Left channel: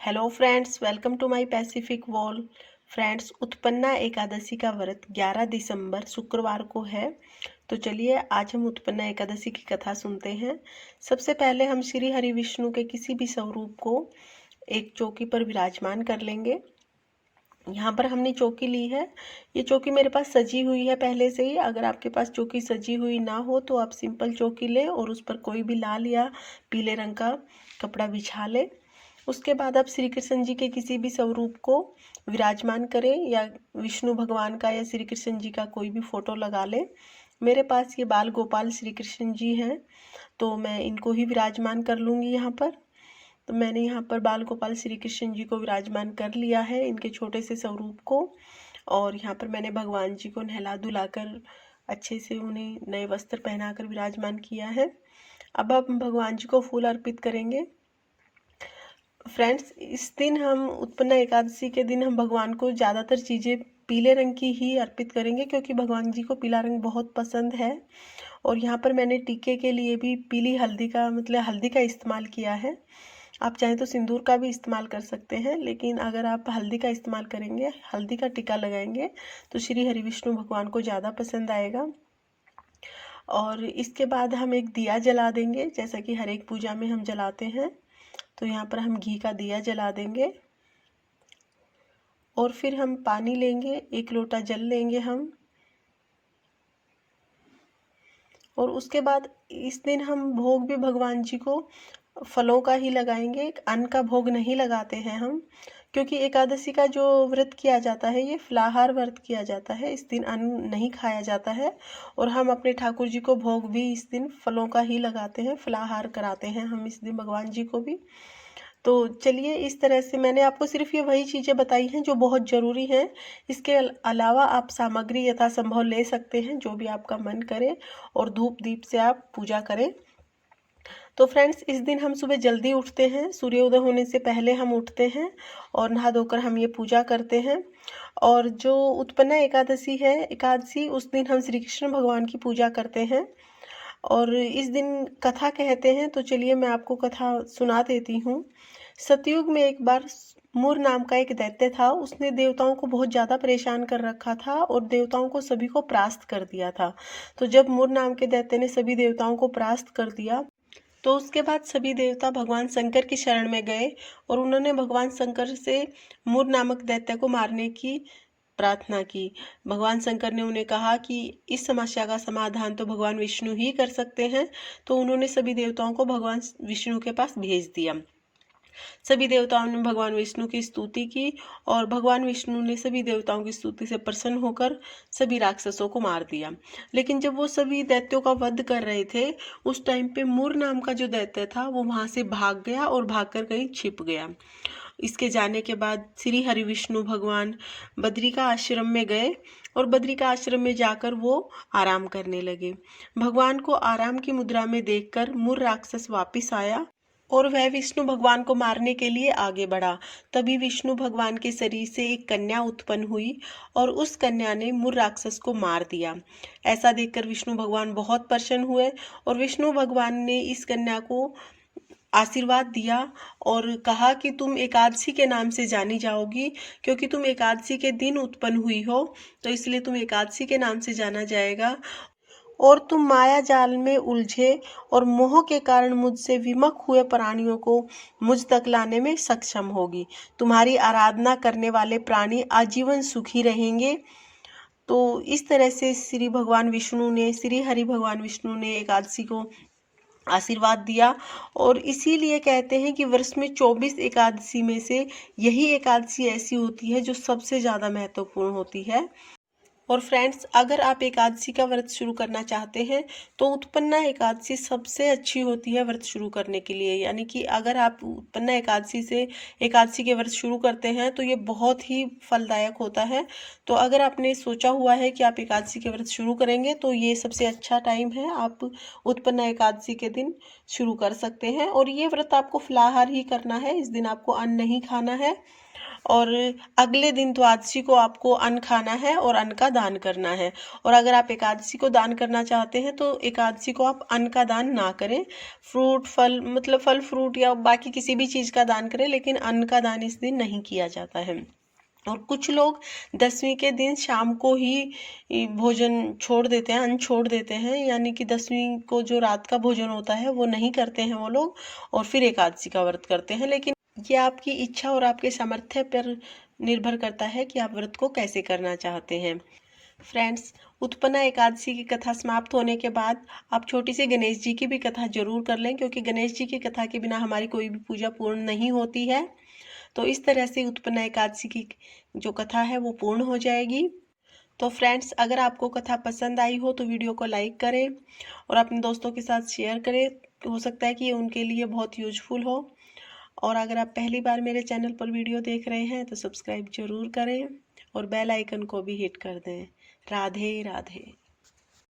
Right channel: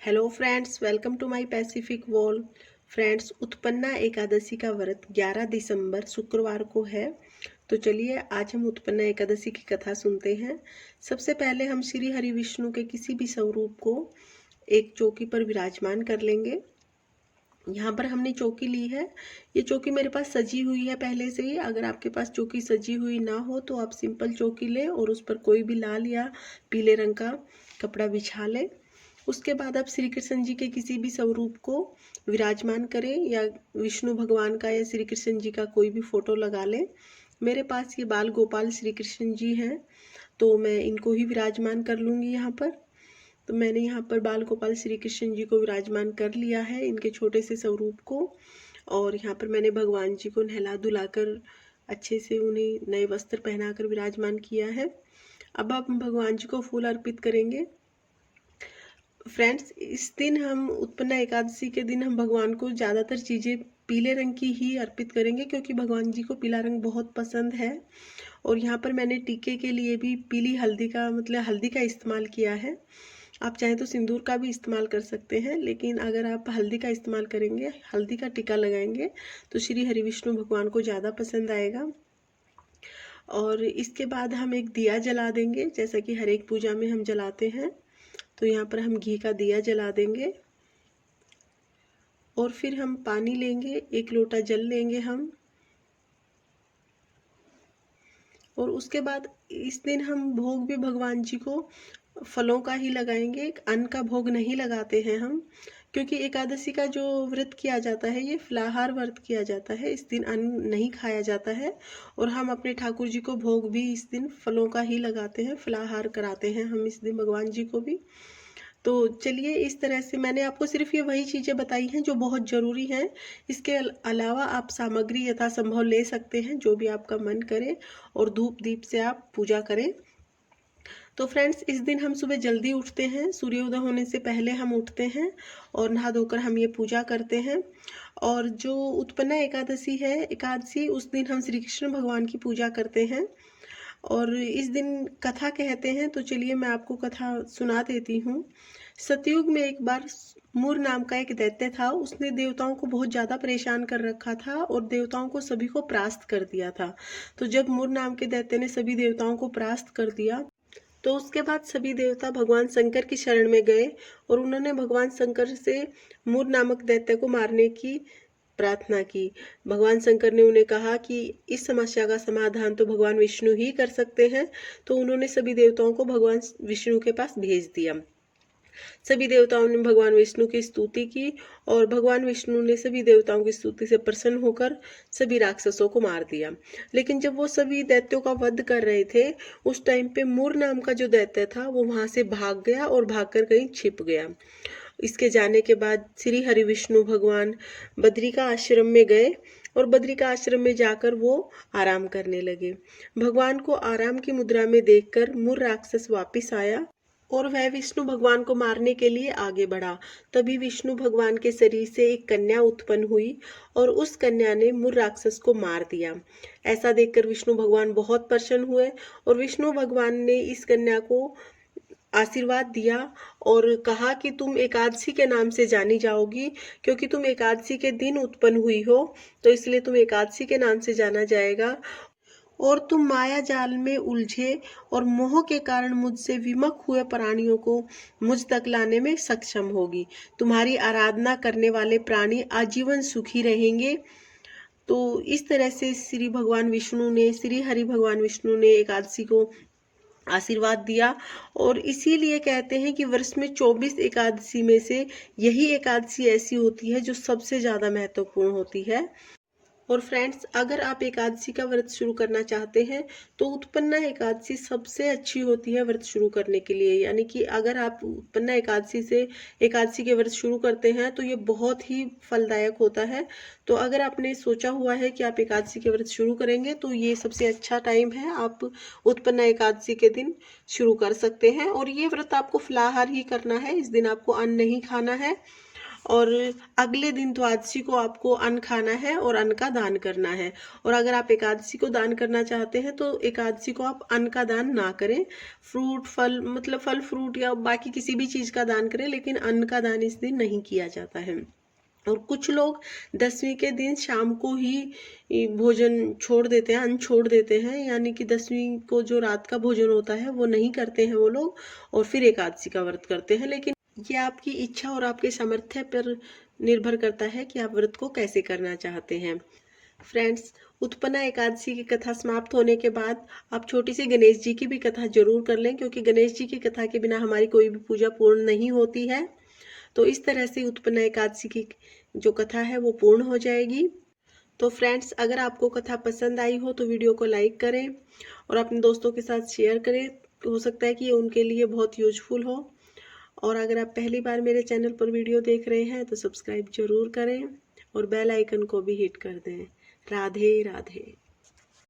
Hello friends, welcome to my Pacific wall. Friends, Utpanna Ekadashi का व्रत 11 दिसंबर शुक्रवार को है। तो चलिए आज हम उत्पन्ना एकादशी की कथा सुनते हैं। सबसे पहले हम श्री हरि विष्णु के किसी भी स्वरूप को एक चौकी पर विराजमान कर लेंगे। यहाँ पर हमने चौकी ली है। ये चौकी मेरे पास सजी हुई है पहले से ही। अगर आपके पास चौकी सजी हुई ना हो तो आप सिंपल चौकी लें और उस पर कोई भी लाल या पीले रंग का कपड़ा बिछा लें। उसके बाद आप श्री कृष्ण जी के किसी भी स्वरूप को विराजमान करें या विष्णु भगवान का या श्री कृष्ण जी का कोई भी फोटो लगा लें। मेरे पास ये बाल गोपाल श्री कृष्ण जी हैं, तो मैं इनको ही विराजमान कर लूँगी यहाँ पर। तो मैंने यहाँ पर बाल गोपाल श्री कृष्ण जी को विराजमान कर लिया है, इनके छोटे से स्वरूप को। और यहाँ पर मैंने भगवान जी को नहला धुलाकर अच्छे से उन्हें नए वस्त्र पहनाकर विराजमान किया है। अब हम भगवान जी को फूल अर्पित करेंगे। फ्रेंड्स, इस दिन हम उत्पन्ना एकादशी के दिन हम भगवान को ज़्यादातर चीज़ें पीले रंग की ही अर्पित करेंगे, क्योंकि भगवान जी को पीला रंग बहुत पसंद है। और यहाँ पर मैंने टीके के लिए भी पीली हल्दी का हल्दी का इस्तेमाल किया है। आप चाहें तो सिंदूर का भी इस्तेमाल कर सकते हैं, लेकिन अगर आप हल्दी का इस्तेमाल करेंगे, हल्दी का टीका लगाएंगे तो श्री हरि विष्णु भगवान को ज़्यादा पसंद आएगा। और इसके बाद हम एक दिया जला देंगे, जैसा कि हर एक पूजा में हम जलाते हैं। तो यहाँ पर हम घी का दिया जला देंगे और फिर हम पानी लेंगे, 1 लोटा जल लेंगे हम। और उसके बाद इस दिन हम भोग भी भगवान जी को फलों का ही लगाएंगे, अन्न का भोग नहीं लगाते हैं हम, क्योंकि एकादशी का जो व्रत किया जाता है ये फलाहार व्रत किया जाता है। इस दिन अन्न नहीं खाया जाता है और हम अपने ठाकुर जी को भोग भी इस दिन फलों का ही लगाते हैं, फलाहार कराते हैं हम इस दिन भगवान जी को भी। तो चलिए, इस तरह से मैंने आपको सिर्फ ये वही चीज़ें बताई हैं जो बहुत ज़रूरी हैं। इसके अलावा आप सामग्री यथासंभव ले सकते हैं, जो भी आपका मन करे, और धूप दीप से आप पूजा करें। तो फ्रेंड्स, इस दिन हम सुबह जल्दी उठते हैं, सूर्योदय होने से पहले हम उठते हैं और नहा धोकर हम ये पूजा करते हैं। और जो उत्पन्ना एकादशी उस दिन हम श्री कृष्ण भगवान की पूजा करते हैं और इस दिन कथा कहते हैं। तो चलिए मैं आपको कथा सुना देती हूँ। सतयुग में एक बार मुर नाम का एक दैत्य था। उसने देवताओं को बहुत ज़्यादा परेशान कर रखा था और देवताओं को सभी को परास्त कर दिया था। तो जब मुर नाम के दैत्य ने सभी देवताओं को परास्त कर दिया, तो उसके बाद सभी देवता भगवान शंकर की शरण में गए और उन्होंने भगवान शंकर से मुर नामक दैत्य को मारने की प्रार्थना की। भगवान शंकर ने उन्हें कहा कि इस समस्या का समाधान तो भगवान विष्णु ही कर सकते हैं। तो उन्होंने सभी देवताओं को भगवान विष्णु के पास भेज दिया। सभी देवताओं ने भगवान विष्णु की स्तुति की और भगवान विष्णु ने सभी देवताओं की स्तुति से प्रसन्न होकर सभी राक्षसों को मार दिया। लेकिन जब वो सभी दैत्यों का वध कर रहे थे, उस टाइम पे मुर नाम का जो दैत्य था वो वहां से भाग गया और भागकर कहीं छिप गया। इसके जाने के बाद श्री हरि विष्णु भगवान बद्रिका आश्रम में गए और बद्रिका आश्रम में जाकर वो आराम करने लगे। भगवान को आराम की मुद्रा में देखकर मुर राक्षस वापिस आया और वह विष्णु भगवान को मारने के लिए आगे बढ़ा। तभी विष्णु भगवान के शरीर से एक कन्या उत्पन्न हुई और उस कन्या ने मुर राक्षस को मार दिया। ऐसा देखकर विष्णु भगवान बहुत प्रसन्न हुए और विष्णु भगवान ने इस कन्या को आशीर्वाद दिया और कहा कि तुम एकादशी के नाम से जानी जाओगी, क्योंकि तुम एकादशी के दिन उत्पन्न हुई हो, तो इसलिए तुम एकादशी के नाम से जाना जाएगा। और तुम माया जाल में उलझे और मोह के कारण मुझसे विमुख हुए प्राणियों को मुझ तक लाने में सक्षम होगी। तुम्हारी आराधना करने वाले प्राणी आजीवन सुखी रहेंगे। तो इस तरह से श्री हरि भगवान विष्णु ने एकादशी को आशीर्वाद दिया। और इसीलिए कहते हैं कि वर्ष में 24 एकादशी में से यही एकादशी ऐसी होती है जो सबसे ज़्यादा महत्वपूर्ण होती है। और फ्रेंड्स, अगर आप एकादशी का व्रत शुरू करना चाहते हैं तो उत्पन्ना एकादशी सबसे अच्छी होती है व्रत शुरू करने के लिए। यानी कि अगर आप उत्पन्ना एकादशी के व्रत शुरू करते हैं तो ये बहुत ही फलदायक होता है। तो अगर आपने सोचा हुआ है कि आप एकादशी के व्रत शुरू करेंगे तो ये सबसे अच्छा टाइम है, आप उत्पन्ना एकादशी के दिन शुरू कर सकते हैं। और ये व्रत आपको फलाहार ही करना है, इस दिन आपको अन्न नहीं खाना है। और अगले दिन द्वादशी को आपको अन्न खाना है और अन्न का दान करना है। और अगर आप एकादशी को दान करना चाहते हैं तो एकादशी को आप अन्न का दान ना करें, फ्रूट फल मतलब फल फ्रूट या बाकी किसी भी चीज़ का दान करें, लेकिन अन्न का दान इस दिन नहीं किया जाता है। और कुछ लोग दसवीं के दिन शाम को ही भोजन छोड़ देते हैं, अन्न छोड़ देते हैं, यानी कि दसवीं को जो रात का भोजन होता है वो नहीं करते हैं वो लोग, और फिर एकादशी का व्रत करते हैं। लेकिन ये आपकी इच्छा और आपके सामर्थ्य पर निर्भर करता है कि आप व्रत को कैसे करना चाहते हैं। फ्रेंड्स, उत्पन्ना एकादशी की कथा समाप्त होने के बाद आप छोटी सी गणेश जी की भी कथा जरूर कर लें, क्योंकि गणेश जी की कथा के बिना हमारी कोई भी पूजा पूर्ण नहीं होती है। तो इस तरह से उत्पन्ना एकादशी की जो कथा है वो पूर्ण हो जाएगी। तो फ्रेंड्स, अगर आपको कथा पसंद आई हो तो वीडियो को लाइक करें और अपने दोस्तों के साथ शेयर करें। हो सकता है कि ये उनके लिए बहुत यूजफुल हो। और अगर आप पहली बार मेरे चैनल पर वीडियो देख रहे हैं तो सब्सक्राइब जरूर करें और बेल आइकन को भी हिट कर दें। राधे राधे।